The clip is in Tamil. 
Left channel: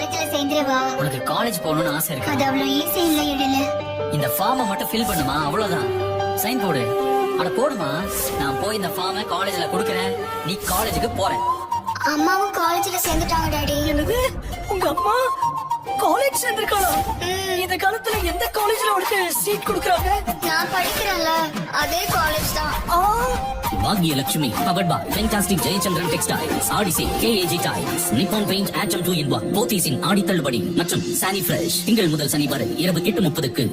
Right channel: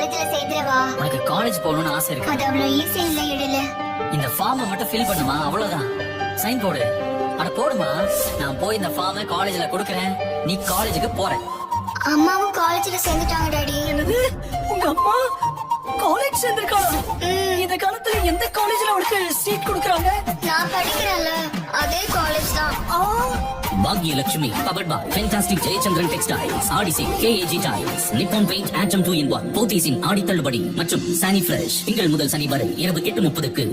காலேஜ்ல சேர்ந்துருவா. உனக்கு காலேஜ் போகணும்னு ஆசை இருக்கு. அது அவ்வளவு ஈஸி இல்ல இடல. இந்த ஃபார்மை மட்டும் ஃபில் பண்ணுமா, அவ்வளவுதான். சைன் போடு. அட போடுமா. நான் போய் இந்த ஃபார்மை காலேஜ்ல கொடுக்கறேன். நீ காலேஜுக்கு போற. அம்மாவும் காலேஜ்ல சேர்ந்துட்டாங்க டாடி. என்னது? உங்க அம்மா காலேஜ் சேர்ந்திருக்காளா? இந்த காலத்துல எந்த காலேஜ்ல அவருக்கு சீட் கொடுக்கறாங்க? நான் படிக்கிறேன்ல அதே காலேஜ் தான். Bhagyalakshmi powered by fantastic Jayachandran textiles, ஆடிசி, கேஏஜி டைல்ஸ், நிப்பான் பெயிண்ட், ஆட்டம் 2 in 1 போத்தீஸின் ஆடி தள்ளுபடி மற்றும் சானி ஃப்ரெஷ் திங்கள் முதல் சனி வரை இரவு 8:30க்கு.